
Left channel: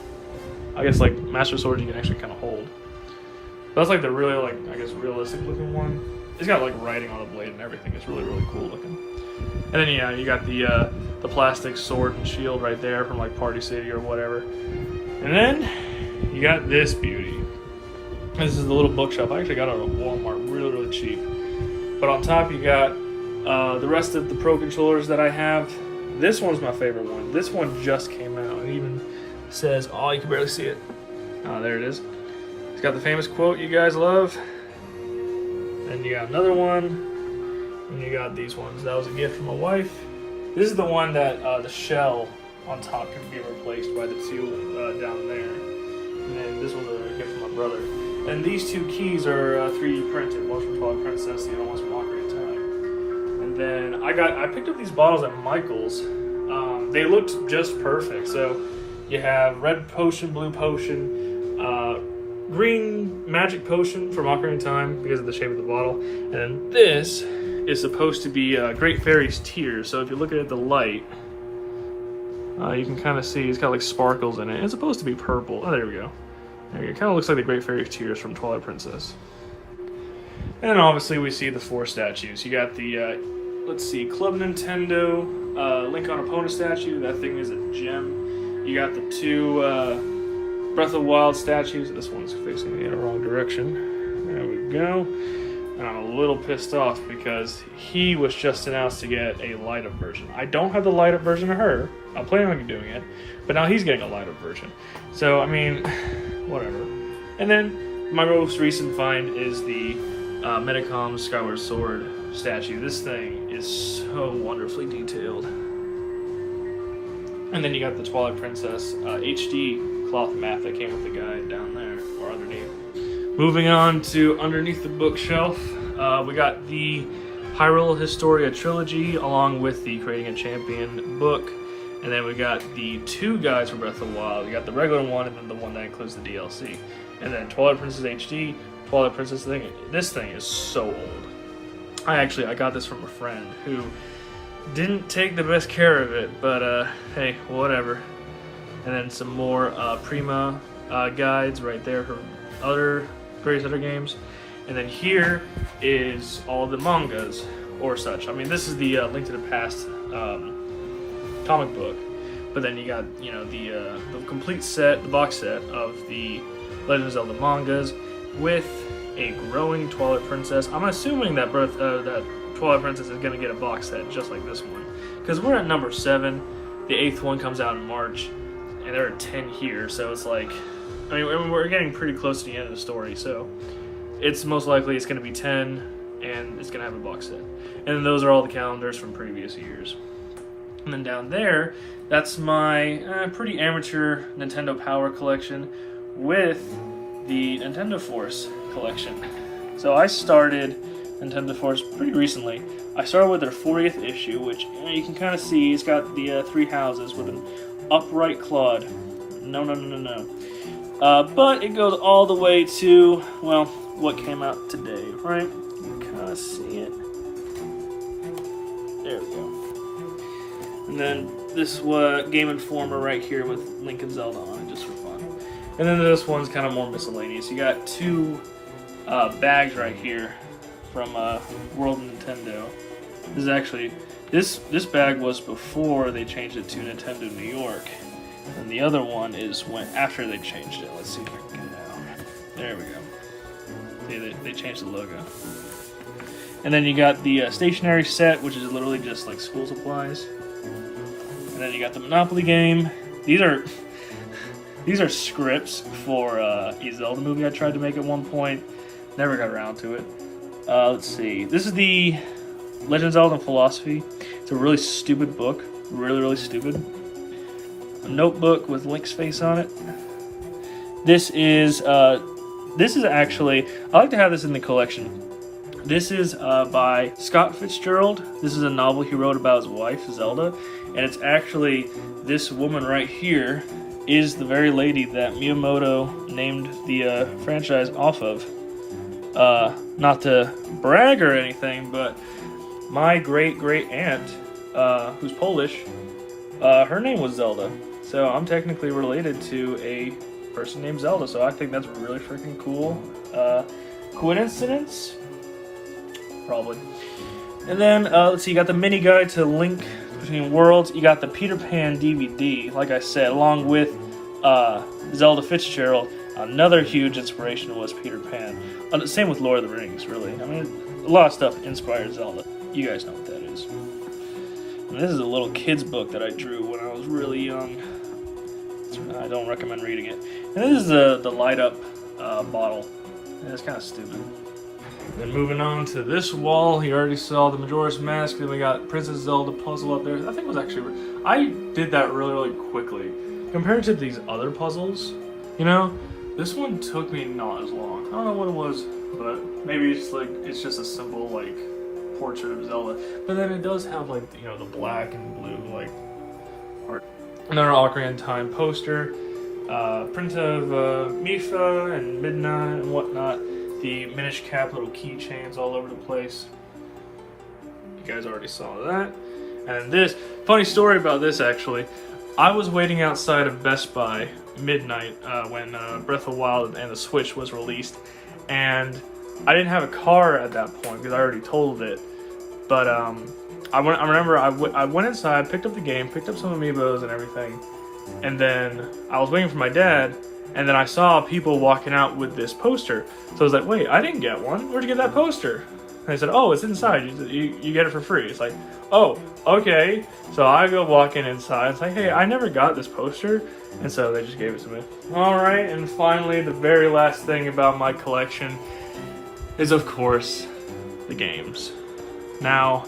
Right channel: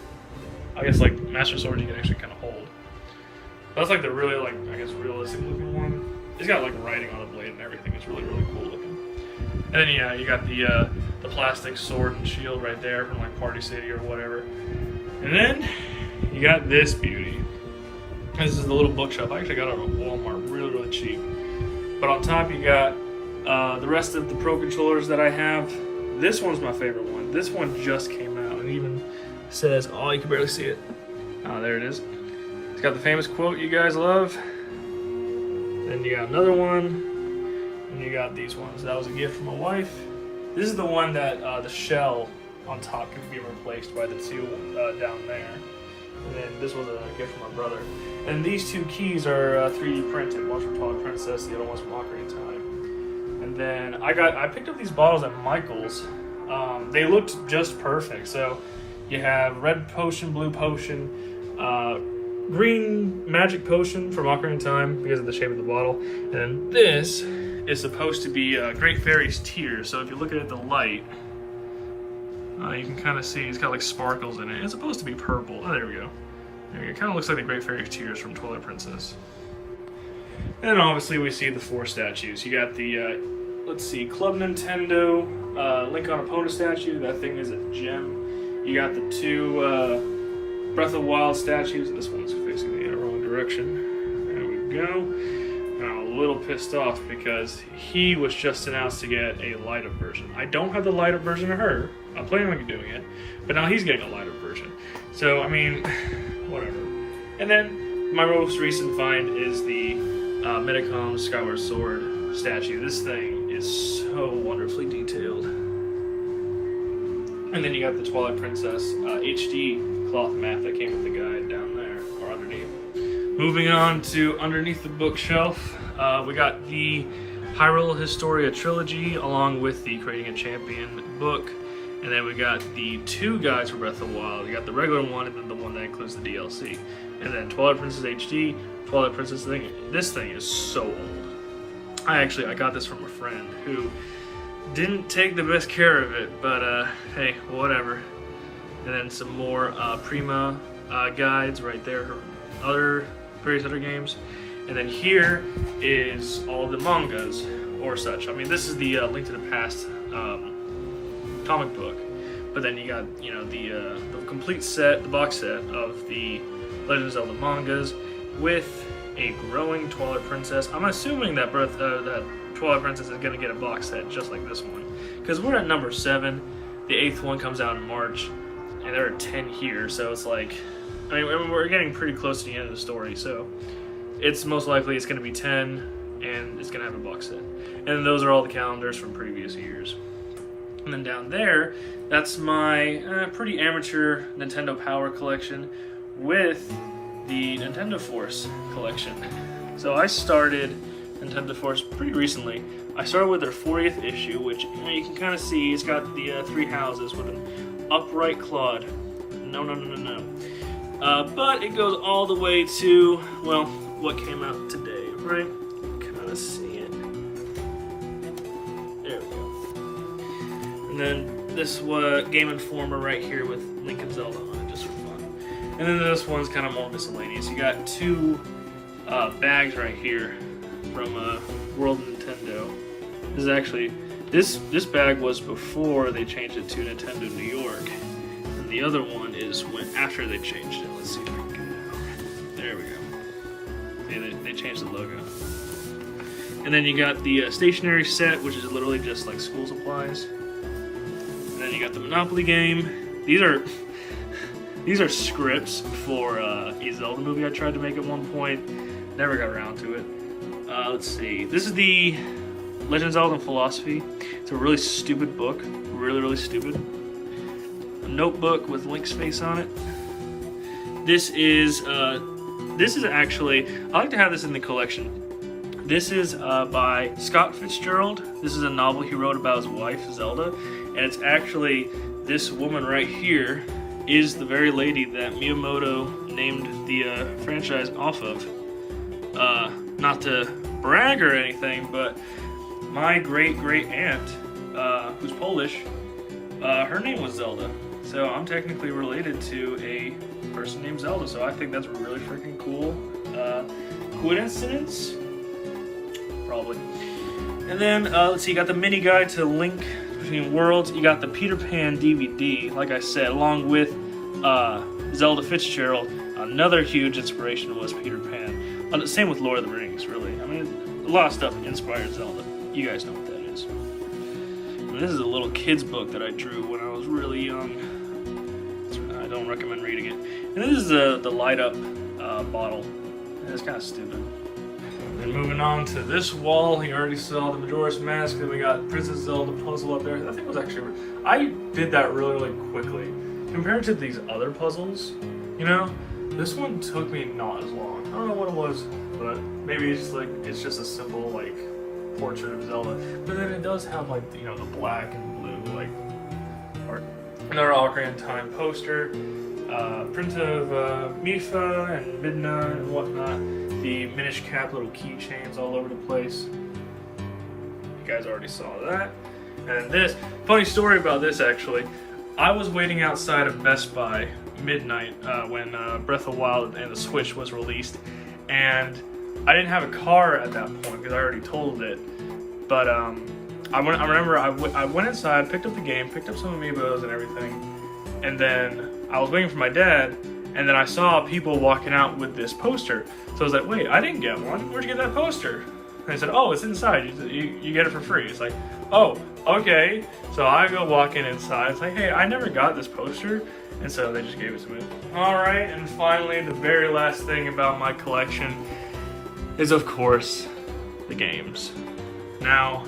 I guess like Master Sword you can actually kind of hold. That's like the really like I guess realistic looking one. It's got like writing on the blade and everything. It's really cool looking. And then yeah, you got the plastic sword and shield right there from like Party City or whatever. And then you got this beauty. This is a little bookshelf. I actually got it at Walmart, really cheap. But on top you got the rest of the Pro controllers that I have. This one's my favorite one. This one just came out. It even says, oh, you can barely see it. Oh, there it is. It's got the famous quote you guys love. Then you got another one. And you got these ones. That was a gift from my wife. This is the one that the shell on top can be replaced by the two down there. And then this was a gift from my brother. And these 2 keys are 3D printed. One's from Twilight Princess, the other one's from Ocarina of Time. And then I picked up these bottles at Michael's. They looked just perfect. So you have red potion, blue potion, green magic potion from Ocarina of Time because of the shape of the bottle. And then this is supposed to be Great Fairy's Tears. So if you look at the light, you can kind of see it's got like sparkles in it. It's supposed to be purple. Oh, there we go. There you go. It kind of looks like the Great Fairy's Tears from Twilight Princess. And then obviously we see the 4 statues. You got the, let's see, Club Nintendo, Link on Epona statue. That thing is a gem. You got the 2 Breath of the Wild statues. This one's fixing me in the wrong direction. There we go. And I'm a little pissed off because he was just announced to get a light-up version. I don't have the light-up version of her. I'm planning on doing it. But now he's getting a light-up version. So, I mean, whatever. And then my most recent find is the Medicom Skyward Sword statue. This thing is so wonderfully detailed. And then you got the Twilight Princess HD cloth mat that came with the guide down there, or underneath. Moving on to underneath the bookshelf, we got the Hyrule Historia trilogy along with the Creating a Champion book. And then we got the 2 guides for Breath of the Wild. We got the regular one and then the one that includes the DLC. And then Twilight Princess HD, Twilight Princess thing. This thing is so old. I got this from a friend who didn't take the best care of it, but hey, whatever. And then some more Prima guides right there, her various other games. And then here is all the mangas or such. I mean, this is the Link to the Past comic book, but then you got, you know, the complete set, the box set of the Legend of Zelda mangas with a growing Twilight Princess. I'm assuming that that Twilight Princess is going to get a box set just like this one, because we're at number 7. The 8th one comes out in March, and there are 10 here, so it's like, I mean, we're getting pretty close to the end of the story, so it's most likely it's going to be 10, and it's going to have a box set. And those are all the calendars from previous years. And then down there, that's my pretty amateur Nintendo Power collection with the Nintendo Force collection. So I started Nintendo Force pretty recently. I started with their 40th issue, which you can kind of see it's got the 3 houses with an upright Claude. No. But it goes all the way to, well, what came out today, right? You can kind of see it. There we go. And then this Game Informer right here with Link and Zelda on it, just for fun. And then this one's kind of more miscellaneous. You got 2 bags right here from World Nintendo. This is actually, this bag was before they changed it to Nintendo New York. And the other one is after they changed it. Let's see if I can get it out. There we go. See, they changed the logo. And then you got the stationery set, which is literally just like school supplies. And then you got the Monopoly game. These are scripts for a Zelda movie I tried to make at one point. Never got around to it. Let's see. This is the Legend of Zelda Philosophy. It's a really stupid book. Really stupid. A notebook with Link's face on it. This is actually, I like to have this in the collection. This is by Scott Fitzgerald. This is a novel he wrote about his wife, Zelda. And it's actually, this woman right here is the very lady that Miyamoto named the franchise off of. Not to brag or anything, but my great aunt, who's Polish, her name was Zelda. So I'm technically related to a person named Zelda. So I think that's really freaking cool. Coincidence? Probably. And then, let's see, you got the mini guide to Link Between Worlds. You got the Peter Pan DVD, like I said, along with Zelda Fitzgerald. Another huge inspiration was Peter Pan. Same with Lord of the Rings, really. I mean, a lot of stuff inspired Zelda. You guys know what that is. And this is a little kid's book that I drew when I was really young. I don't recommend reading it. And this is the light-up bottle. And it's kind of stupid. Then moving on to this wall, you already saw the Majora's Mask. Then we got Princess Zelda puzzle up there. I think it was actually, I did that really quickly. Compared to these other puzzles, you know, this one took me not as long. I don't know what it was, but maybe it's just a simple like portrait of Zelda. But then it does have like, you know, the black and blue like art. Another Ocarina of Time poster, print of Mifa and Midna and whatnot. The Minish Cap little keychains all over the place. You guys already saw that. And this, funny story about this actually. I was waiting outside of Best Buy midnight when Breath of the Wild and the Switch was released. And I didn't have a car at that point because I already totaled it. But I remember I went inside, picked up the game, picked up some amiibos and everything. And then I was waiting for my dad. And then I saw people walking out with this poster. So I was like, wait, I didn't get one. Where'd you get that poster? And I said, oh, it's inside. You get it for free. It's like, oh, okay. So I go walking inside. It's like, hey, I never got this poster. And so they just gave it to me. All right, and finally, the very last thing about my collection is, of course, the games. Now,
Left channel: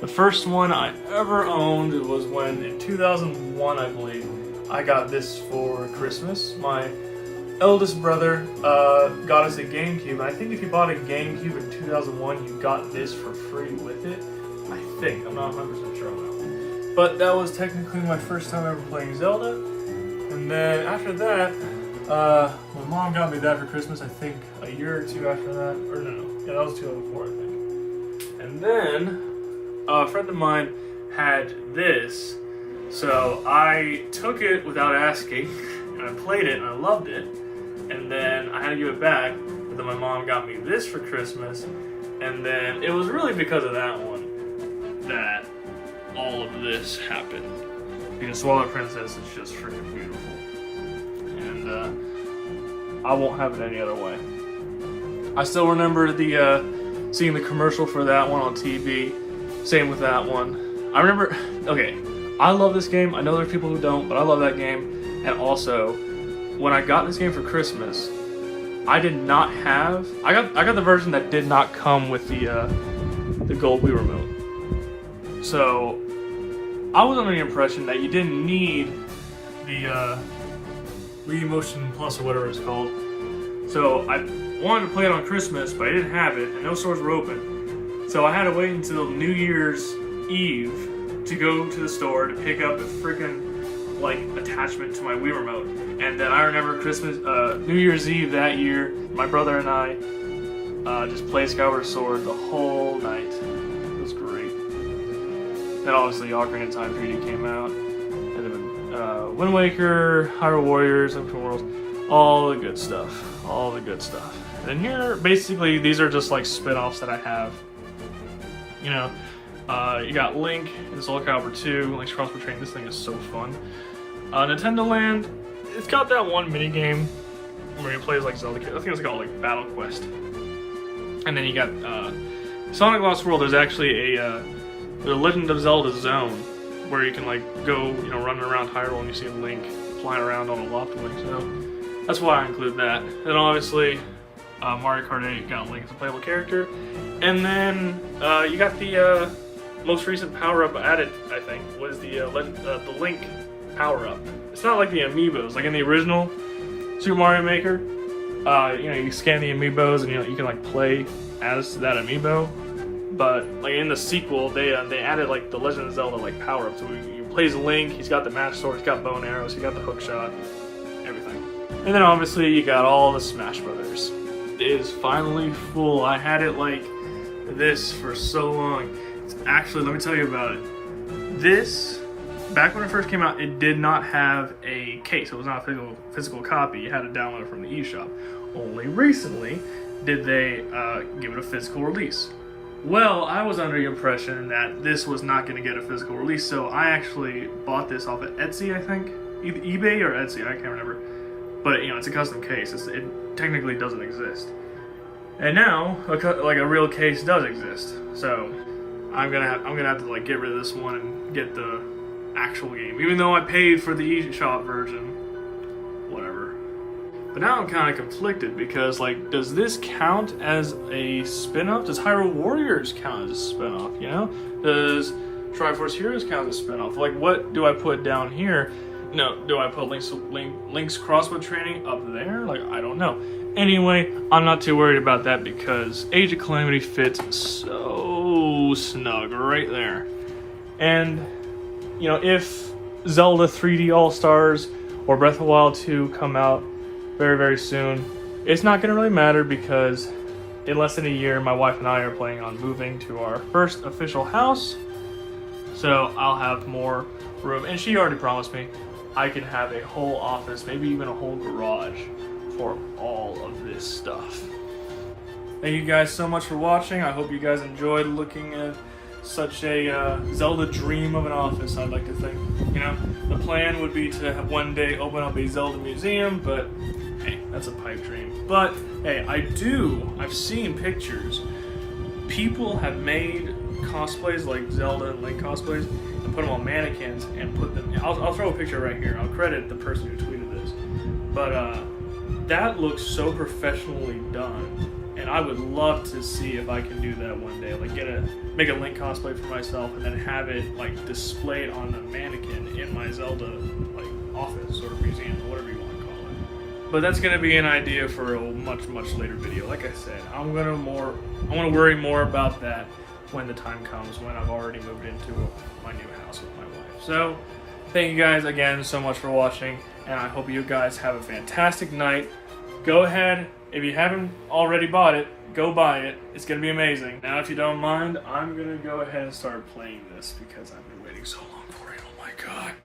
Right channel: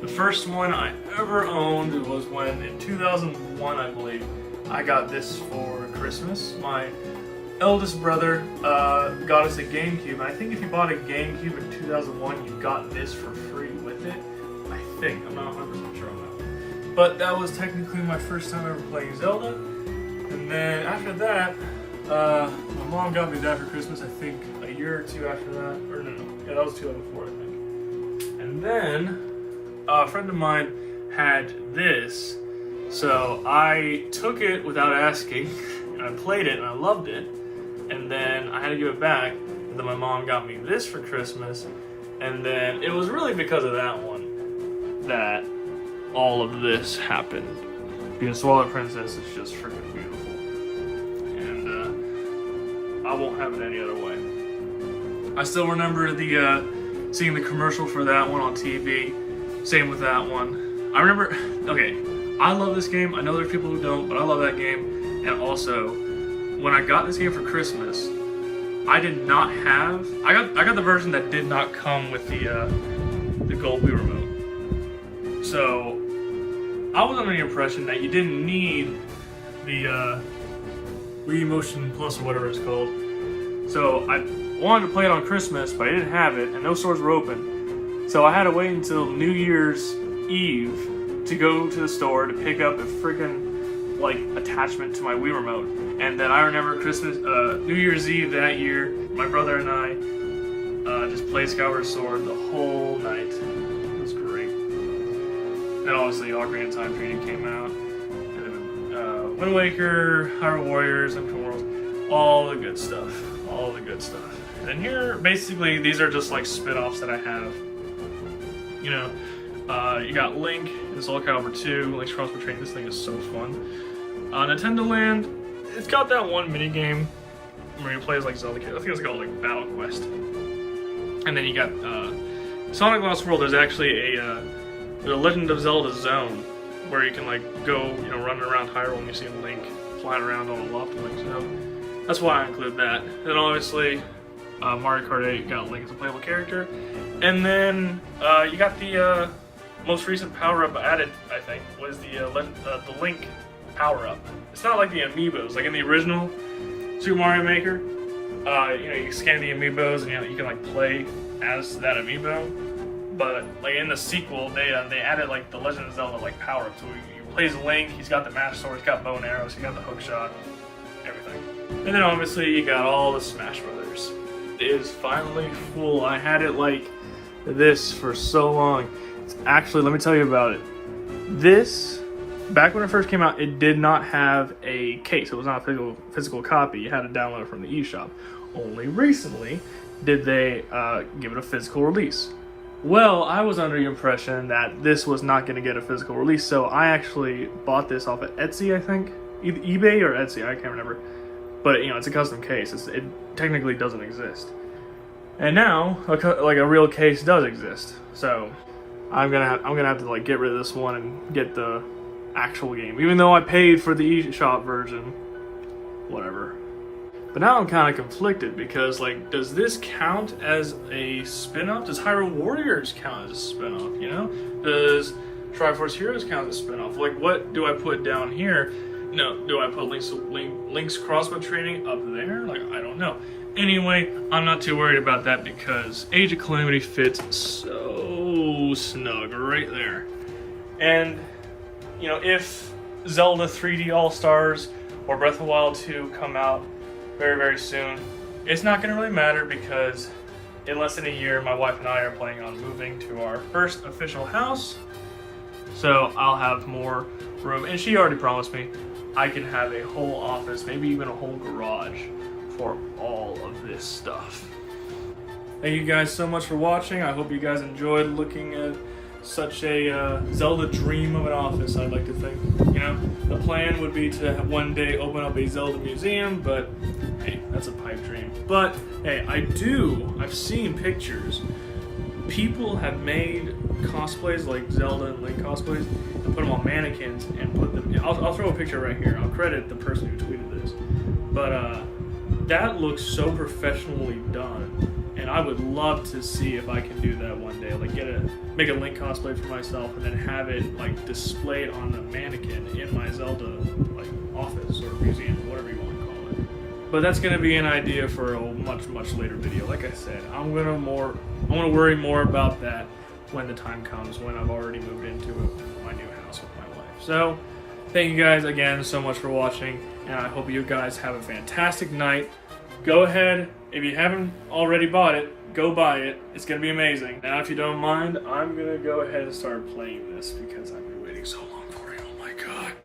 the first one I ever owned was when, in 2001, I believe, I got this for Christmas. My eldest brother got us a GameCube. I think if you bought a GameCube in 2001, you got this for free with it. I think. I'm not 100% sure on that. But that was technically my first time ever playing Zelda. And then after that, my mom got me that for Christmas, I think a year or two after that. Or no. Yeah, that was 2004, I think. And then a friend of mine had this. So I took it without asking, and I played it, and I loved it, and then I had to give it back, but then my mom got me this for Christmas, and then it was really because of that one that all of this happened. Because Twilight Princess is just freaking beautiful, and I won't have it any other way. I still remember seeing the commercial for that one on TV, same with that one. I remember, okay, I love this game. I know there are people who don't, but I love that game. And also, when I got this game for Christmas, I did not have. I got the version that did not come with the gold Wii remote. So I was under the impression that you didn't need the Wii Motion Plus or whatever it's called. So I wanted to play it on Christmas, but I didn't have it, and no stores were open. So I had to wait until New Year's Eve to go to the store to pick up a freaking like attachment to my Wii remote. And then I remember New Year's Eve that year, my brother and I just played Skyward Sword the whole night. It was great. Then obviously Ocarina of Time 3D came out, and then Wind Waker, Hyrule Warriors, Link Between Worlds, all the good stuff, all the good stuff. And here, basically, these are just like spin-offs that I have. You know. You got Link in Soul Calibur 2, Link's Cross Train. This thing is so fun. Nintendo Land, it's got that one mini game where you play as like Zelda. I think it's called like Battle Quest. And then you got Sonic Lost World. There's actually a Legend of Zelda zone where you can like go, you know, running around Hyrule and you see Link flying around on a Lopalink. So that's why I include that. And obviously, Mario Kart 8 got Link as a playable character. And then you got the most recent power-up added, I think, was the Link power-up. It's not like the amiibos, like in the original Super Mario Maker. You know, you scan the amiibos and you can like play as that amiibo. But like in the sequel, they added like the Legend of Zelda like power-up. So you play as Link. He's got the Magic Sword. He's got bow and arrows. He's got the hook shot. Everything. And then obviously you got all the Smash Brothers. It is finally full. I had it like this for so long. Actually, let me tell you about it. This, back when it first came out, it did not have a case. It was not a physical copy. You had to download it from the eShop. Only recently did they give it a physical release. Well, I was under the impression that this was not going to get a physical release, so I actually bought this off of Etsy, I think. Either eBay or Etsy, I can't remember. But, you know, it's a custom case. It technically doesn't exist. And now, like, a real case does exist. So, I'm gonna have to, like, get rid of this one and get the actual game. Even though I paid for the eShop version. Whatever. But now I'm kind of conflicted because, like, does this count as a spin-off? Does Hyrule Warriors count as a spin-off, you know? Does Triforce Heroes count as a spin-off? Like, what do I put down here? No, do I put Link's Crossbow Training up there? Like, I don't know. Anyway, I'm not too worried about that because Age of Calamity fits so snug right there. And, you know, if Zelda 3D All-Stars or Breath of the Wild 2 come out very, very soon, it's not going to really matter because in less than a year, my wife and I are planning on moving to our first official house. So I'll have more room. And she already promised me I could have a whole office, maybe even a whole garage for all of this stuff. Thank you guys so much for watching. I hope you guys enjoyed looking at such a Zelda dream of an office, I'd like to think. You know, the plan would be to have one day open up a Zelda museum, but hey, that's a pipe dream. But hey, I've seen pictures. People have made cosplays like Zelda and Link cosplays and put them on mannequins and put them, I'll throw a picture right here. I'll credit the person who tweeted this. But that looks so professionally done. And I would love to see if I can do that one day. Like make a Link cosplay for myself and then have it like displayed on a mannequin in my Zelda like office or museum, whatever you want to call it. But that's gonna be an idea for a much, much later video. Like I said, I want to worry more about that when the time comes, when I've already moved into my new house with my wife. So thank you guys again so much for watching, and I hope you guys have a fantastic night. Go ahead, if you haven't already bought it, go buy it. It's going to be amazing. Now, if you don't mind, I'm going to go ahead and start playing this because I've been waiting so long for it. Oh my god.